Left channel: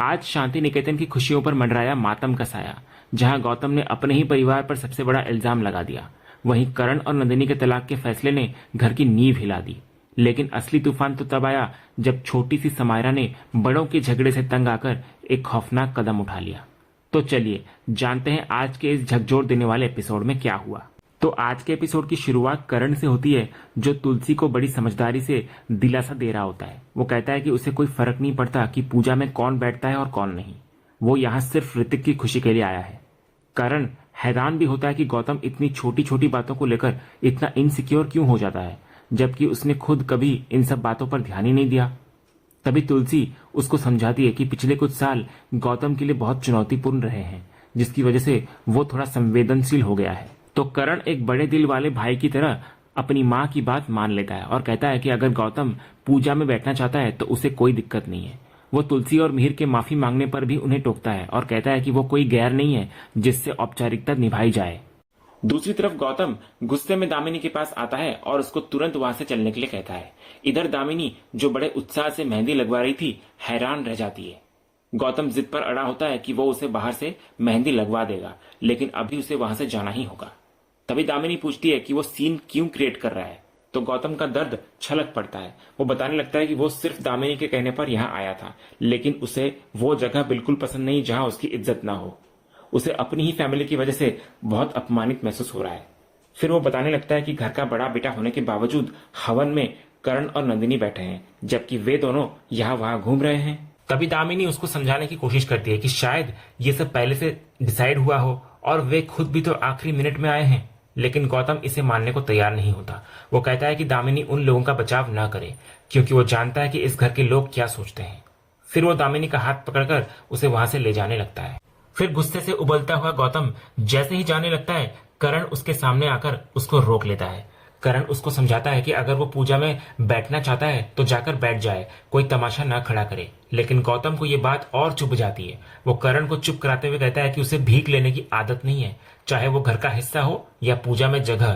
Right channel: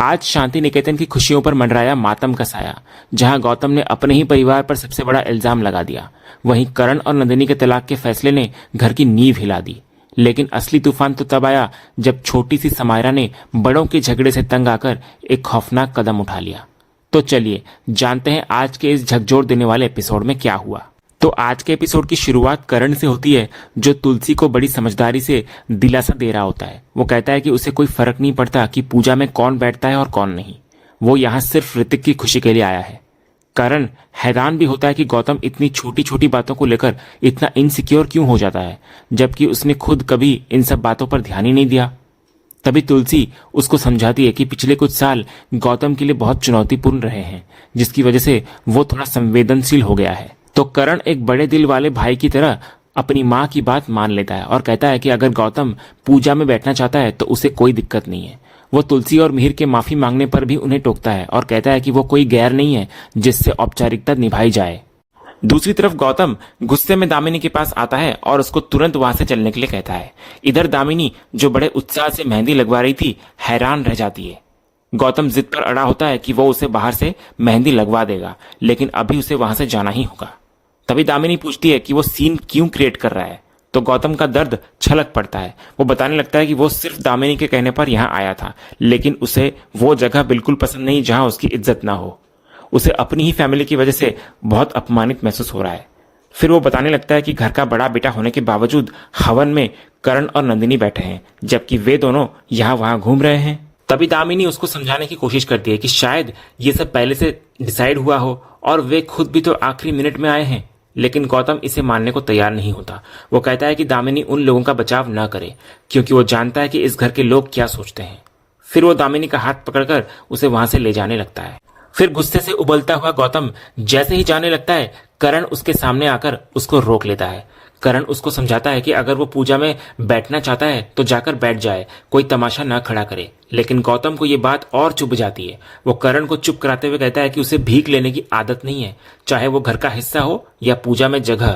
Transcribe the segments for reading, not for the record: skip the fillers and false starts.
आज शांति निकेतन की खुशियों पर मंडराया मातम का साया। जहां गौतम ने अपने ही परिवार पर सबसे बड़ा इल्जाम लगा दिया, वहीं करण और नंदिनी के तलाक के फैसले ने घर की नींव हिला दी। लेकिन असली तूफान तो तब आया जब छोटी सी समायरा ने बड़ों के झगड़े से तंग आकर एक खौफनाक कदम उठा लिया। तो चलिए जानते हैं आज के इस झकझोर देने वाले एपिसोड में क्या हुआ। तो आज के एपिसोड की शुरुआत करण से होती है, जो तुलसी को बड़ी समझदारी से दिलासा दे रहा होता है। वो कहता है कि उसे कोई फर्क नहीं पड़ता कि पूजा में कौन बैठता है और कौन नहीं, वो यहाँ सिर्फ ऋतिक की खुशी के लिए आया है। करण हैरान भी होता है कि गौतम इतनी छोटी छोटी बातों को लेकर इतना इनसिक्योर क्यों हो जाता है, जबकि उसने खुद कभी इन सब बातों पर ध्यान ही नहीं दिया। तभी तुलसी उसको समझाती है कि पिछले कुछ साल गौतम के लिए बहुत चुनौतीपूर्ण रहे हैं, जिसकी वजह से वो थोड़ा संवेदनशील हो गया है। तो करण एक बड़े दिल वाले भाई की तरह अपनी माँ की बात मान लेता है और कहता है कि अगर गौतम पूजा में बैठना चाहता है तो उसे कोई दिक्कत नहीं है। वो तुलसी और मिहिर के माफी मांगने पर भी उन्हें टोकता है और कहता है कि वो कोई गैर नहीं है जिससे औपचारिकता निभाई जाए। दूसरी तरफ गौतम गुस्से में दामिनी के पास आता है और उसको तुरंत वहां से चलने के लिए कहता है। इधर दामिनी, जो बड़े उत्साह से मेहंदी लगवा रही थी, हैरान रह जाती है। गौतम जिद पर अड़ा होता है कि वो उसे बाहर से मेहंदी लगवा देगा, लेकिन अभी उसे वहां से जाना ही होगा। तभी दामिनी पूछती है कि वो सीन क्यों क्रिएट कर रहा है। तो गौतम का दर्द छलक पड़ता है। वो बताने लगता है कि वो सिर्फ दामिनी के कहने पर यहाँ आया था, लेकिन उसे वो जगह बिल्कुल पसंद नहीं जहां उसकी इज्जत ना हो। उसे अपनी ही फैमिली की वजह से बहुत अपमानित महसूस हो रहा है। फिर वो बताने लगता है कि घर का बड़ा बेटा होने के बावजूद हवन में करण और नंदिनी बैठे हैं, जबकि वे दोनों यहाँ वहां घूम रहे हैं। तभी दामिनी उसको समझाने की कोशिश करती है कि शायद ये सब पहले से डिसाइड हुआ हो और वे खुद भी तो आखिरी मिनट में आए हैं। लेकिन गौतम इसे मानने को तैयार नहीं होता। वो कहता है कि दामिनी उन लोगों का बचाव न करे, क्योंकि वो जानता है कि इस घर के लोग क्या सोचते हैं। फिर वो दामिनी का हाथ पकड़कर उसे वहां से ले जाने लगता है। फिर गुस्से से उबलता हुआ गौतम जैसे ही जाने लगता है, करण उसके सामने आकर उसको रोक लेता है। करण उसको समझाता है कि अगर वो पूजा में बैठना चाहता है तो जाकर बैठ जाए, कोई तमाशा ना खड़ा करे। लेकिन गौतम को ये बात और चुभ जाती है। वो करण को चुप कराते हुए कहता है कि उसे भीख लेने की आदत नहीं है, चाहे वो घर का हिस्सा हो या पूजा में जगह।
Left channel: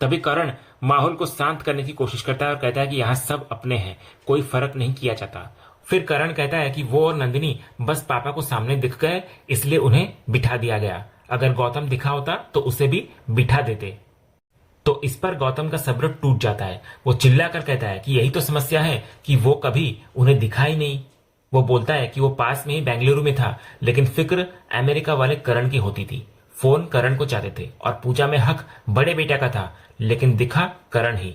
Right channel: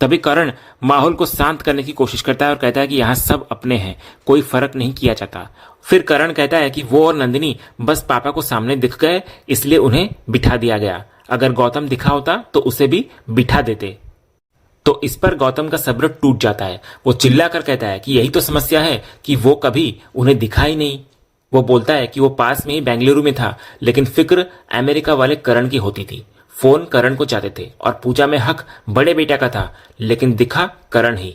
तभी करण माहौल को शांत करने की कोशिश करता है और कहता है कि यहाँ सब अपने हैं, कोई फर्क नहीं किया जाता। फिर करण कहता है कि वो और नंदिनी बस पापा को सामने दिख गए, इसलिए उन्हें बिठा दिया गया। अगर गौतम दिखा होता तो उसे भी बिठा देते। तो इस पर गौतम का सब्र टूट जाता है। वो चिल्ला कर कहता है कि यही तो समस्या है कि वो कभी उन्हें दिखा ही नहीं। वो बोलता है कि वो पास में ही बेंगलुरु में था, लेकिन फिक्र अमेरिका वाले करण की होती थी। फोन करण को चाहते थे और पूजा में हक बड़े बेटा का था, लेकिन दिखा करण ही।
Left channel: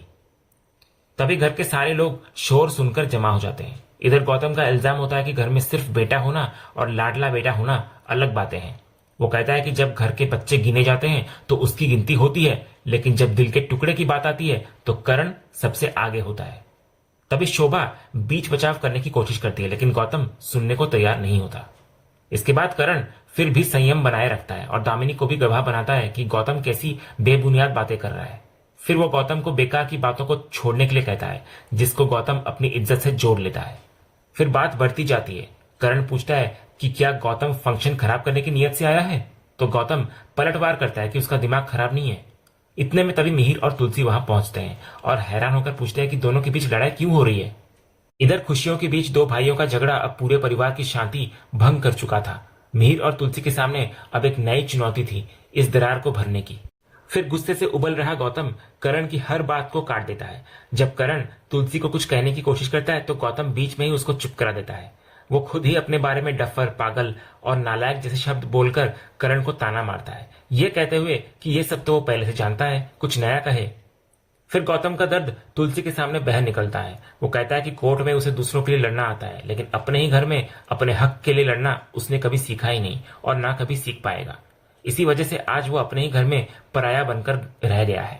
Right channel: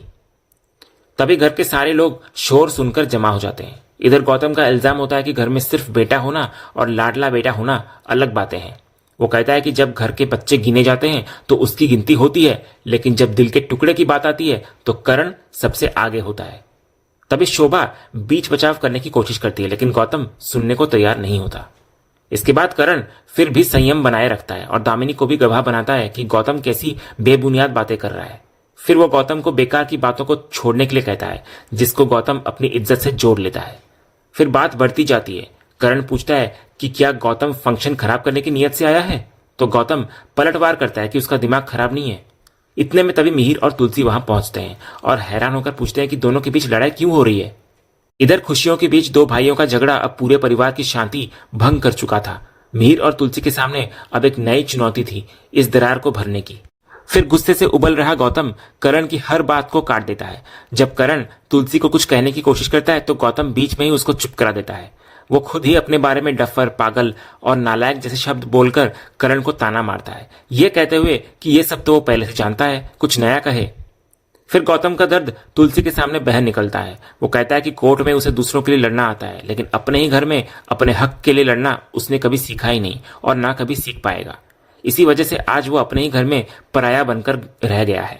तभी घर के सारे लोग शोर सुनकर जमा हो जाते हैं। इधर गौतम का इल्जाम होता है कि घर में सिर्फ बेटा होना और लाडला बेटा होना अलग बातें हैं। वो कहता है कि जब घर के बच्चे गिने जाते हैं तो उसकी गिनती होती है, लेकिन जब दिल के टुकड़े की बात आती है तो करण सबसे आगे होता है। तभी शोभा बीच बचाव करने की कोशिश करती है, लेकिन गौतम सुनने को तैयार नहीं होता। इसके बाद करण फिर भी संयम बनाए रखता है और दामिनी को भी गवाह बनाता है कि गौतम कैसी बेबुनियाद बातें कर रहा है। फिर वो गौतम को बेकार की बातों को छोड़ने के लिए कहता है, जिसको गौतम अपनी इज्जत से जोड़ लेता है। फिर बात बढ़ती जाती है। करण पूछता है कि क्या गौतम फंक्शन खराब करने की नीयत से आया है, तो गौतम पलटवार करता है कि उसका दिमाग खराब नहीं है। इतने में तभी मिहिर और तुलसी वहां पहुंचते हैं और हैरान होकर पूछते हैं कि दोनों के बीच लड़ाई क्यों हो रही है। इधर खुशियों के बीच दो भाइयों का झगड़ा अब पूरे परिवार की शांति भंग कर चुका था। मिहिर और तुलसी के सामने अब एक नई चुनौती थी, इस दरार को भरने की। फिर गुस्से से उबल रहा गौतम करण की हर बात को काट देता है। जब करण तुलसी को कुछ कहने की कोशिश करता है तो गौतम बीच में ही उसको चुप करा देता है। वो खुद ही अपने बारे में डफर, पागल और नालायक जैसे शब्द बोलकर करण को ताना मारता है, ये कहते हुए कि ये सब तो वो पहले से जानता है, कुछ नया कहे। फिर गौतम का दर्द तुलसी के सामने बह निकलता है। वो कहता है कि कोर्ट में उसे दूसरों के लिए लड़ना आता है, लेकिन अपने ही घर में अपने हक के लिए लड़ना उसने कभी सीखा ही नहीं और ना कभी सीख पाएगा। इसी वजह से आज वो अपने ही घर में पराया बनकर रह गया है।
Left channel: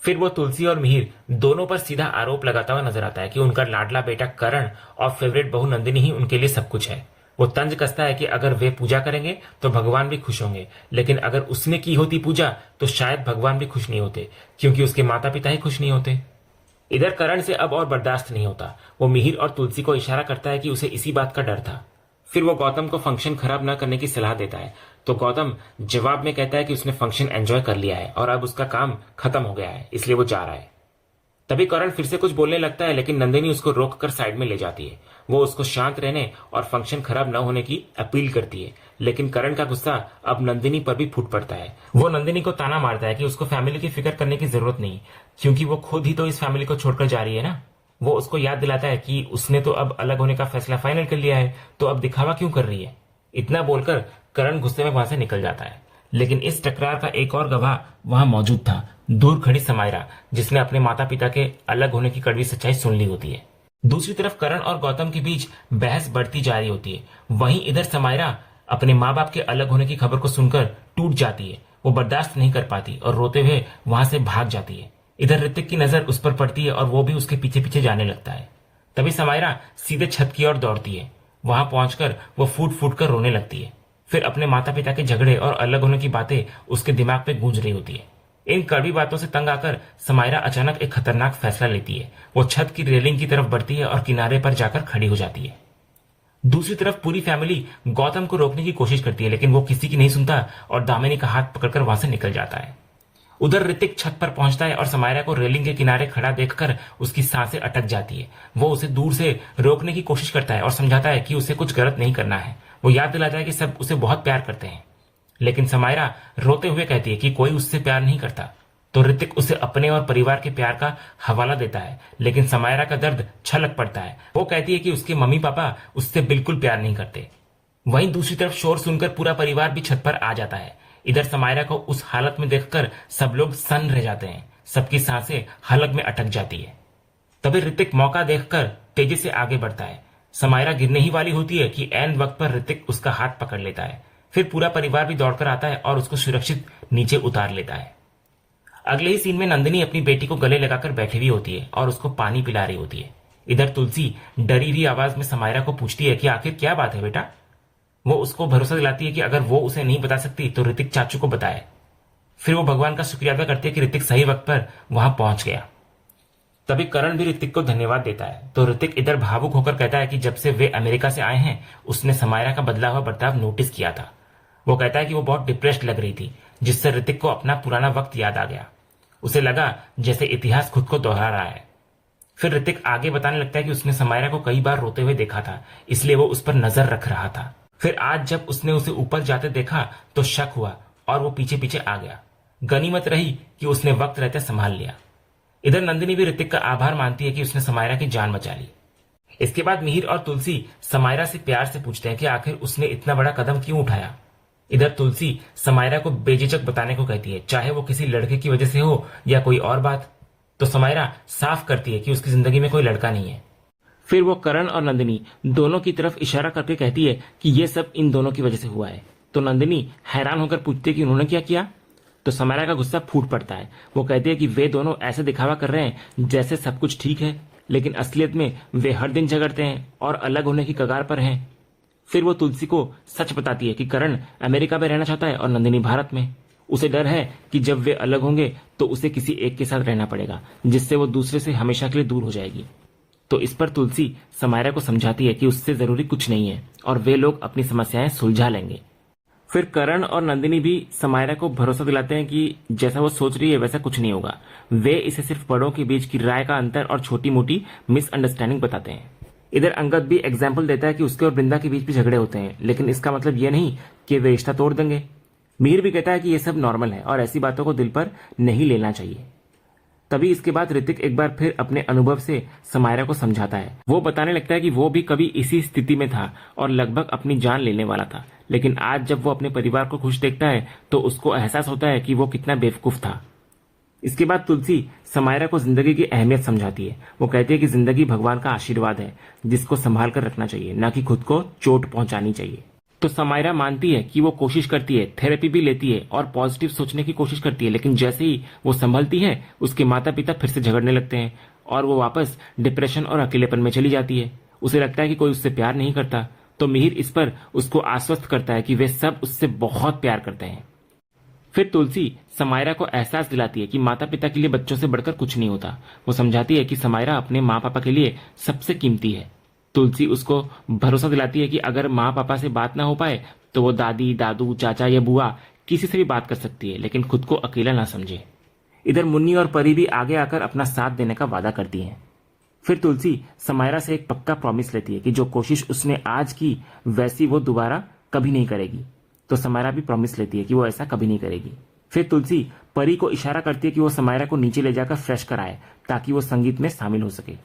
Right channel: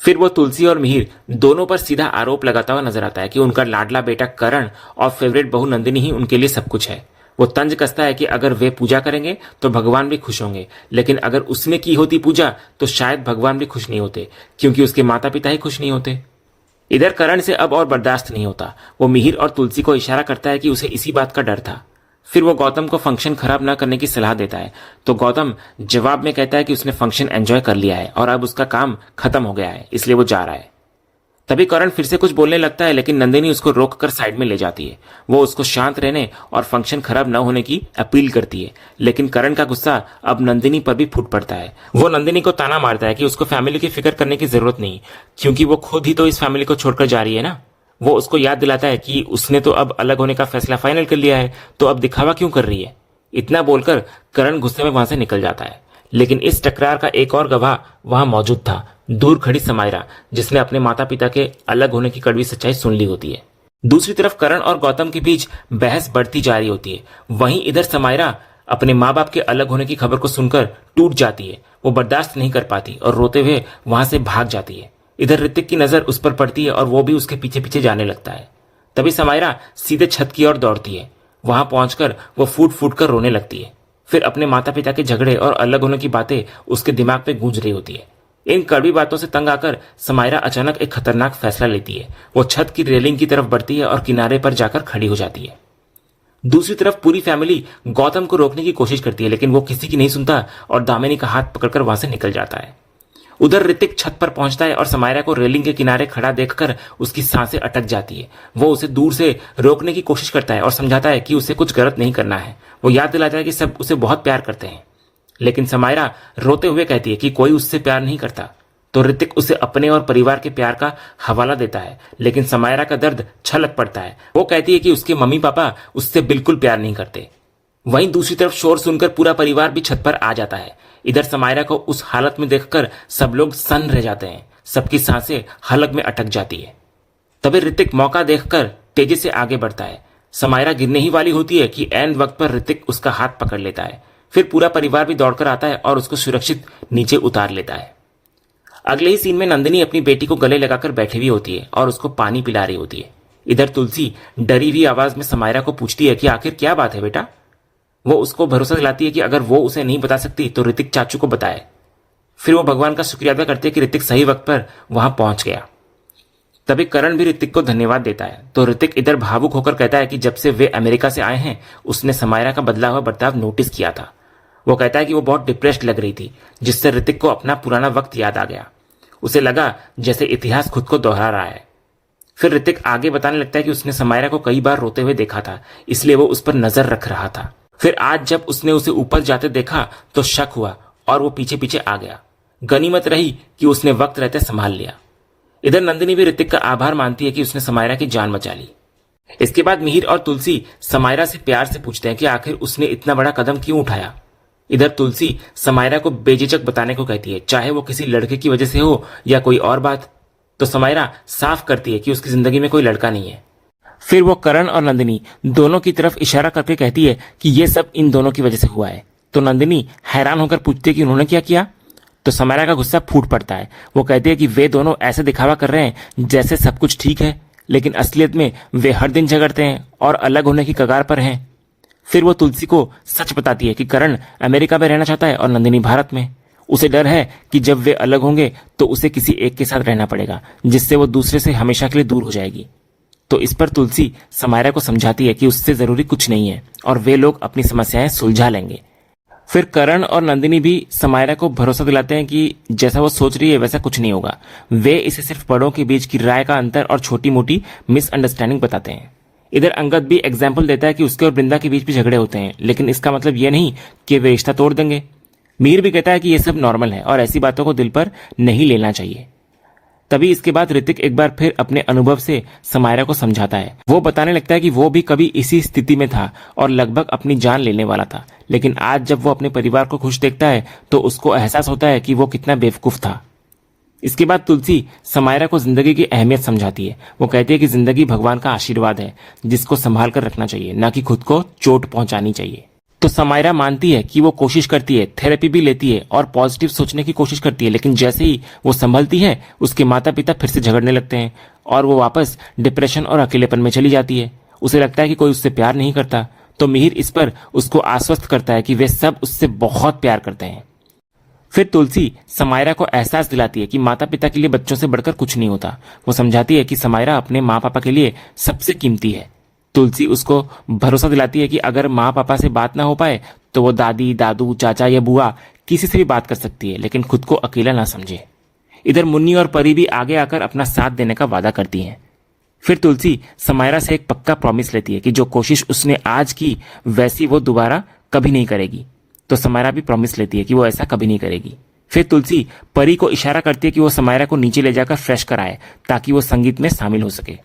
फिर वो तुलसी और मिहिर दोनों पर सीधा आरोप लगाता हुआ नजर आता है कि उनका लाडला बेटा करण और फेवरेट बहू नंदिनी ही उनके लिए सब कुछ है। वो तंज कसता है कि अगर वे पूजा करेंगे तो भगवान भी खुश होंगे, लेकिन अगर उसने की होती पूजा तो शायद भगवान भी खुश नहीं होते, क्योंकि उसके माता पिता ही खुश नहीं होते। इधर करण से अब और बर्दाश्त नहीं होता। वो मिहिर और तुलसी को इशारा करता है कि उसे इसी बात का डर था। फिर वो गौतम को फंक्शन खराब ना करने की सलाह देता है, तो गौतम जवाब में कहता है कि उसने फंक्शन एंजॉय कर लिया है और अब उसका काम खत्म हो गया है, इसलिए वो जा रहा है। तभी करण फिर से कुछ बोलने लगता है, लेकिन नंदिनी उसको रोक कर साइड में ले जाती है। वो उसको शांत रहने और फंक्शन खराब न होने की अपील करती है, लेकिन करण का गुस्सा अब नंदिनी पर भी फूट पड़ता है। वो नंदिनी को ताना मारता है कि उसको फैमिली की फिक्र करने की जरूरत नहीं, क्योंकि वो खुद ही तो इस फैमिली को छोड़कर जा रही है ना। वो उसको याद दिलाता है कि उसने तो अब अलग होने का फैसला फाइनल कर लिया है, तो अब दिखावा क्यों कर रही है। इतना बोलकर करण गुस्से में वहां से निकल जाता है, लेकिन इस टकरार का एक और गवाह वहां मौजूद था, दूर खड़ी समायरा, जिसने अपने माता पिता के अलग होने की कड़वी सच्चाई सुन ली होती है। दूसरी तरफ करण और गौतम के बीच बहस बढ़ती जा रही होती है। वहीं इधर समायरा अपने माँ बाप के अलग होने की खबर को सुनकर टूट जाती है। वो बर्दाश्त नहीं कर पाती और रोते हुए वहां से भाग जाती है। इधर ऋतिक की नजर उस पर पड़ती है और वो भी उसके पीछे पीछे जाने लगता है। तभी समायरा सीधे छत की ओर दौड़ती है। वहां पहुंचकर वो फूट फूट कर रोने लगती है। फिर अपने माता पिता के झगड़े और अलग होने की बातें उसके दिमाग पे गूंज रही होती है। इन कड़वी बातों से तंग आकर समायरा अचानक एक खतरनाक फैसला लेती है। वो छत की रेलिंग की तरफ बढ़ती है और किनारे पर जाकर खड़ी हो जाती है। दूसरी तरफ पूरी फैमिली गौतम को रोकने की कोशिश करती है, लेकिन वो किसी की नहीं सुनता और दामिनी का हाथ पकड़कर वहां से निकल जाता है। उधर ऋतिक छत पर पहुंचता है और समायरा को रेलिंग के किनारे खड़ा देखकर उसकी सांसें अटक जाती है। वो उसे दूर से रोकने की कोशिश करता है और समझाता है कि उसे कुछ गलत नहीं करना है। वो याद दिलाता है कि सब उसे बहुत प्यार करते हैं, लेकिन समायरा रोते हुए कहती है कि कोई उससे प्यार नहीं करता। तो ऋतिक उसे अपने और परिवार के प्यार का हवाला देता है, लेकिन समायरा का दर्द छलक पड़ता है। वो कहती है कि उसके मम्मी पापा उससे बिल्कुल प्यार नहीं करते। वहीं दूसरी तरफ शोर सुनकर पूरा परिवार भी छत पर आ जाता है। इधर समायरा को उस हालत में देखकर सब लोग सन्न रह जाते हैं। सबकी सांसें हलक में अटक जाती है। तभी ऋतिक मौका देखकर तेजी से आगे बढ़ता है। समायरा गिरने ही वाली होती है कि ऐन वक्त पर ऋतिक उसका हाथ पकड़ लेता है। फिर पूरा परिवार भी दौड़कर आता है और उसको सुरक्षित नीचे उतार लेता है। अगले ही सीन में नंदिनी अपनी बेटी को गले लगाकर बैठी हुई होती है और उसको पानी पिला रही होती है। इधर तुलसी डरी हुई आवाज में समायरा को पूछती है कि आखिर क्या बात है बेटा। वो उसको भरोसा दिलाती है कि अगर वो उसे नहीं बता सकती तो ऋतिक चाचू को बताए। फिर वो भगवान का शुक्रिया अदा करती है कि ऋतिक सही वक्त पर वहां पहुंच गया। तभी करण भी ऋतिक को धन्यवाद देता है। तो ऋतिक इधर भावुक होकर कहता है कि जब से वे अमेरिका से आए हैं उसने समायरा का बदला हुआ बर्ताव नोटिस किया था। वो कहता है कि वो बहुत डिप्रेस्ड लग रही थी, जिससे ऋतिक को अपना पुराना वक्त याद आ गया। उसे लगा जैसे इतिहास खुद को दोहरा रहा है। फिर ऋतिक आगे बताने लगता है कि उसने समायरा को कई बार रोते हुए देखा था, इसलिए वो उस पर नजर रख रहा था। फिर आज जब उसने उसे ऊपर जाते देखा तो शक हुआ और वो पीछे पीछे आ गया। गनीमत रही कि उसने वक्त रहते संभाल लिया। इधर नंदिनी भी ऋतिक का आभार मानती है कि उसने समायरा की जान बचा ली। इसके बाद मिहिर और तुलसी समायरा से प्यार से पूछते हैं कि आखिर उसने इतना बड़ा कदम क्यों उठाया। इधर तुलसी समायरा को बेझिझक बताने को कहती है, चाहे वो किसी लड़के की वजह से हो या कोई और बात। तो समायरा साफ करती है कि उसकी जिंदगी में कोई लड़का नहीं है। फिर वो करण और नंदिनी दोनों की तरफ इशारा करके कहती है कि ये सब इन दोनों की वजह से हुआ है। तो नंदिनी हैरान होकर पूछती है कि उन्होंने क्या किया। तो समायरा का गुस्सा फूट पड़ता है। वो कहती है कि वे दोनों ऐसे दिखावा कर रहे हैं जैसे सब कुछ ठीक है, लेकिन असलियत में वे हर दिन झगड़ते हैं और अलग होने की कगार पर हैं। फिर वो तुलसी को सच बताती है कि करण अमेरिका में रहना चाहता है और नंदिनी भारत में। उसे डर है कि जब वे अलग होंगे तो उसे किसी एक के साथ रहना पड़ेगा, जिससे वो दूसरे से हमेशा के लिए दूर हो जाएगी। तो इस पर तुलसी समायरा को समझाती है कि उससे जरूरी कुछ नहीं है और वे लोग अपनी समस्याएं सुलझा लेंगे। फिर करण और नंदिनी भी समायरा को भरोसा दिलाते हैं कि जैसा वो सोच रही है वैसा कुछ नहीं होगा। वे इसे सिर्फ बड़ों के बीच की राय का अंतर और छोटी मोटी मिसअंडरस्टैंडिंग बताते हैं। इधर अंगद भी एग्जाम्पल देता है कि उसके और वृंदा के बीच भी झगड़े होते हैं, लेकिन इसका मतलब यह नहीं कि वे रिश्ता तोड़ देंगे। मीर भी कहता है कि यह सब नॉर्मल है और ऐसी बातों को दिल पर नहीं लेना चाहिए। तभी इसके बाद ऋतिक एक बार फिर अपने अनुभव से समायरा को समझाता है। वो बताने लगता है कि वो भी कभी इसी स्थिति में था और लगभग अपनी जान लेने वाला था, लेकिन आज जब वो अपने परिवार को खुश देखता है तो उसको एहसास होता है कि वो कितना बेवकूफ था। इसके बाद तुलसी समायरा को जिंदगी की अहमियत समझाती है। वो कहती है कि जिंदगी भगवान का आशीर्वाद है जिसको संभाल कर रखना चाहिए, ना कि खुद को चोट पहुंचानी चाहिए। तो समायरा मानती है कि वो कोशिश करती है, थेरेपी भी लेती है और पॉजिटिव सोचने की कोशिश करती है, लेकिन जैसे ही वो संभलती है उसके माता पिता फिर से झगड़ने लगते हैं और वो वापस डिप्रेशन और अकेलेपन में चली जाती है। उसे लगता है कि कोई उससे प्यार नहीं करता। तो मिहिर इस पर उसको आश्वस्त करता है कि वे सब उससे बहुत प्यार करते हैं। फिर तुलसी समायरा को एहसास दिलाती है कि माता पिता के लिए बच्चों से बढ़कर कुछ नहीं होता। वो समझाती है कि समायरा अपने माँ पापा के लिए सबसे कीमती है। तुलसी उसको भरोसा दिलाती है कि अगर माँ पापा से बात ना हो पाए तो वो दादी दादू चाचा या बुआ किसी से भी बात कर सकती है, लेकिन खुद को अकेला ना समझे। इधर मुन्नी और परी भी आगे आकर अपना साथ देने का वादा करती हैं। फिर तुलसी समायरा से एक पक्का प्रॉमिस लेती है कि जो कोशिश उसने आज की वैसी वो दोबारा कभी नहीं करेगी। तो समायरा भी प्रॉमिस लेती है कि वो ऐसा कभी नहीं करेगी। फिर तुलसी परी को इशारा करती है कि वो समायरा को नीचे ले जाकर फ्रेश कराए ताकि वो संगीत में शामिल हो सके।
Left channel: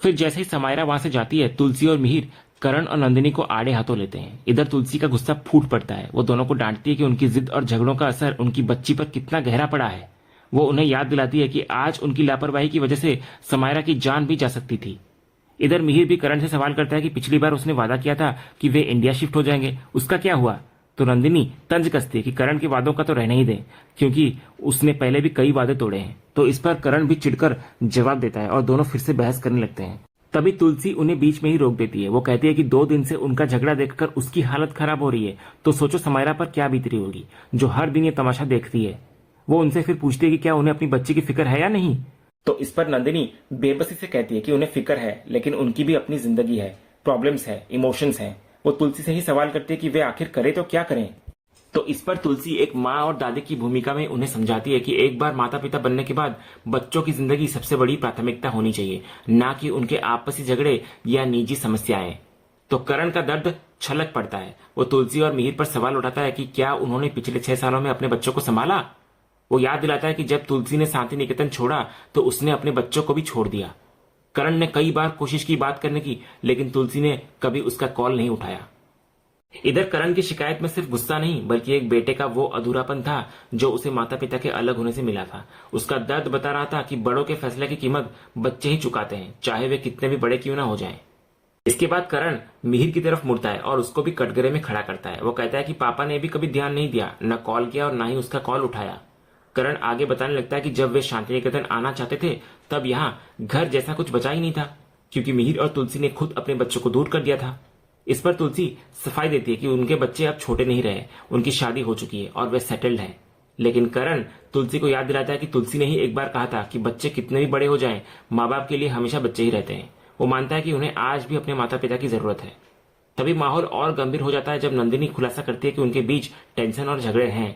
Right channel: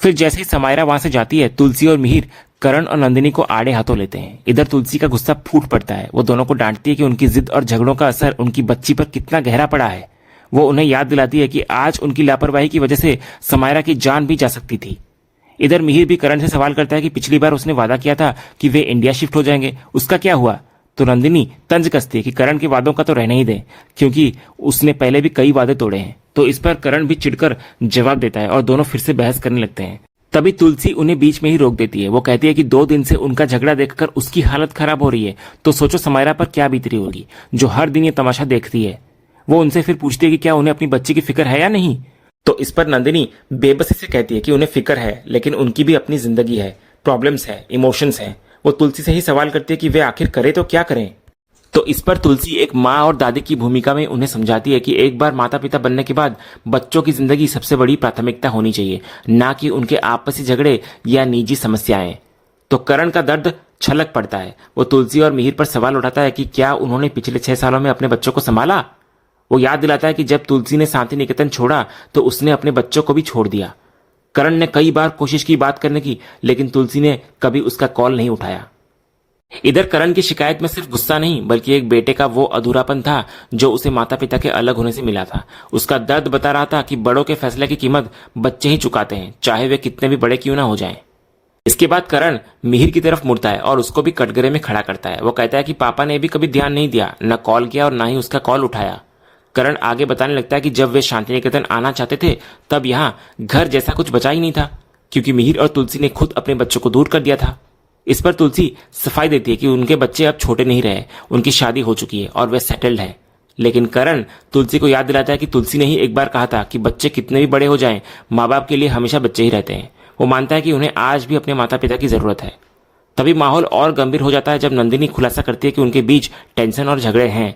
फिर जैसे ही समायरा वहां से जाती है, तुलसी और मिहिर करण और नंदिनी को आड़े हाथों लेते हैं। इधर तुलसी का गुस्सा फूट पड़ता है। वो दोनों को डांटती है कि उनकी जिद और झगड़ों का असर उनकी बच्ची पर कितना गहरा पड़ा है। वो उन्हें याद दिलाती है कि आज उनकी लापरवाही की वजह से समायरा की जान भी जा सकती थी। इधर मिहिर भी करण से सवाल करता है कि पिछली बार उसने वादा किया था कि वे इंडिया शिफ्ट हो जाएंगे, उसका क्या हुआ। तो नंदिनी तंज कसती है कि करण के वादों का तो रहने ही दे, क्योंकि उसने पहले भी कई वादे तोड़े हैं। तो इस पर करण भी चिढ़कर जवाब देता है और दोनों फिर से बहस करने लगते हैं। तभी तुलसी उन्हें बीच में ही रोक देती है। वो कहती है कि 2 दिन से उनका झगड़ा देखकर उसकी हालत खराब हो रही है, तो सोचो समायरा पर क्या बीत रही होगी, जो हर दिन ये तमाशा देखती है। वो उनसे फिर पूछती है कि क्या उन्हें अपनी बच्ची की फिक्र है या नहीं। तो इस पर नंदिनी बेबसी से कहती है कि उन्हें फिक्र है, लेकिन उनकी भी अपनी जिंदगी है, प्रॉब्लम्स है, इमोशंस हैं। वो तुलसी से ही सवाल करती है कि वे आखिर करें तो क्या करें। तो इस पर तुलसी एक माँ और दादी की भूमिका में उन्हें समझाती है कि एक बार माता पिता बनने के बाद बच्चों की जिंदगी सबसे बड़ी प्राथमिकता होनी चाहिए, ना कि उनके आपसी झगड़े या निजी समस्याएं। तो करण का दर्द छलक पड़ता है। वो तुलसी और मिहिर पर सवाल उठाता है कि क्या उन्होंने पिछले 6 सालों में अपने बच्चों को संभाला। वो याद दिलाता है कि जब तुलसी ने शांति निकेतन छोड़ा तो उसने अपने बच्चों को भी छोड़ दिया। करण ने कई बार कोशिश की बात करने की, लेकिन तुलसी ने कभी उसका कॉल नहीं उठाया। इधर करण की शिकायत में सिर्फ गुस्सा नहीं, बल्कि एक बेटे का वो अधूरापन था जो उसे माता पिता के अलग होने से मिला था। उसका दर्द बता रहा था कि बड़ों के फैसले की कीमत बच्चे ही चुकाते हैं, चाहे वे कितने भी बड़े क्यों ना हो जाएं। इसके बाद करण मिहिर की तरफ मुड़ता है और उसको भी कटघरे में खड़ा करता है। वो कहता है कि पापा ने भी कभी ध्यान नहीं दिया, न कॉल किया और ना ही उसका कॉल उठाया। करण आगे बताने लगता है कि जब वे शांति निकेतन आना चाहते थे तब यहाँ घर जैसा कुछ बचा ही नहीं था, क्योंकि मिहिर और तुलसी ने खुद अपने बच्चों को दूर कर दिया था। इस पर तुलसी सफाई देती है कि उनके बच्चे अब छोटे नहीं रहे, उनकी शादी हो चुकी है और वे सेटल्ड है। लेकिन करण तुलसी को याद दिलाता है कि तुलसी ने ही एक बार कहा था कि बच्चे कितने भी बड़े हो जाएं, माँ बाप के लिए हमेशा बच्चे ही रहते हैं। वो मानता है कि उन्हें आज भी अपने माता पिता की जरूरत है। तभी माहौल और गंभीर हो जाता है जब नंदिनी खुलासा करती है कि उनके बीच टेंशन और झगड़े हैं।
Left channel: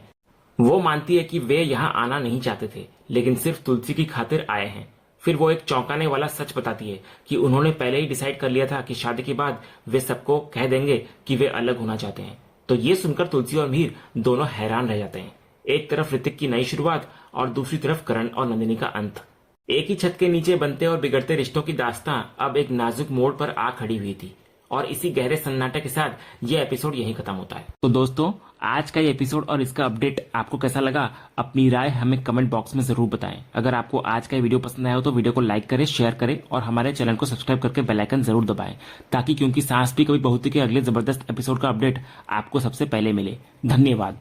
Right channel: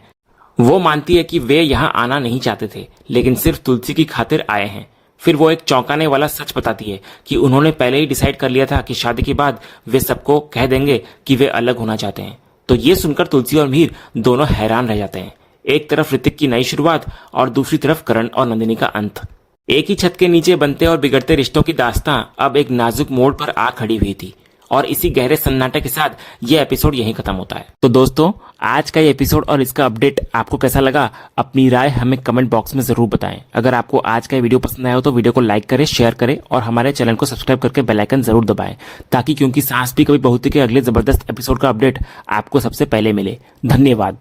वो मानती है कि वे यहाँ आना नहीं चाहते थे, लेकिन सिर्फ तुलसी की खातिर आए हैं। फिर वो एक चौंकाने वाला सच बताती है कि उन्होंने पहले ही डिसाइड कर लिया था कि शादी के बाद वे सबको कह देंगे कि वे अलग होना चाहते हैं। तो ये सुनकर तुलसी और मिहिर दोनों हैरान रह जाते हैं। एक तरफ ऋतिक की नई शुरुआत और दूसरी तरफ करण और नंदिनी का अंत। एक ही छत के नीचे बनते और बिगड़ते रिश्तों की दास्तां अब एक नाजुक मोड़ पर आ खड़ी हुई थी। और इसी गहरे सन्नाटे के साथ ये एपिसोड यहीं खत्म होता है। तो दोस्तों, आज का ये एपिसोड और इसका अपडेट आपको कैसा लगा, अपनी राय हमें कमेंट बॉक्स में जरूर बताएं। अगर आपको आज का वीडियो पसंद आया हो तो वीडियो को लाइक करें, शेयर करें और हमारे चैनल को सब्सक्राइब करके बेल आइकन जरूर दबाएं, ताकि क्योंकि सांस भी कभी बहुती के अगले जबरदस्त एपिसोड का अपडेट आपको सबसे पहले मिले। धन्यवाद।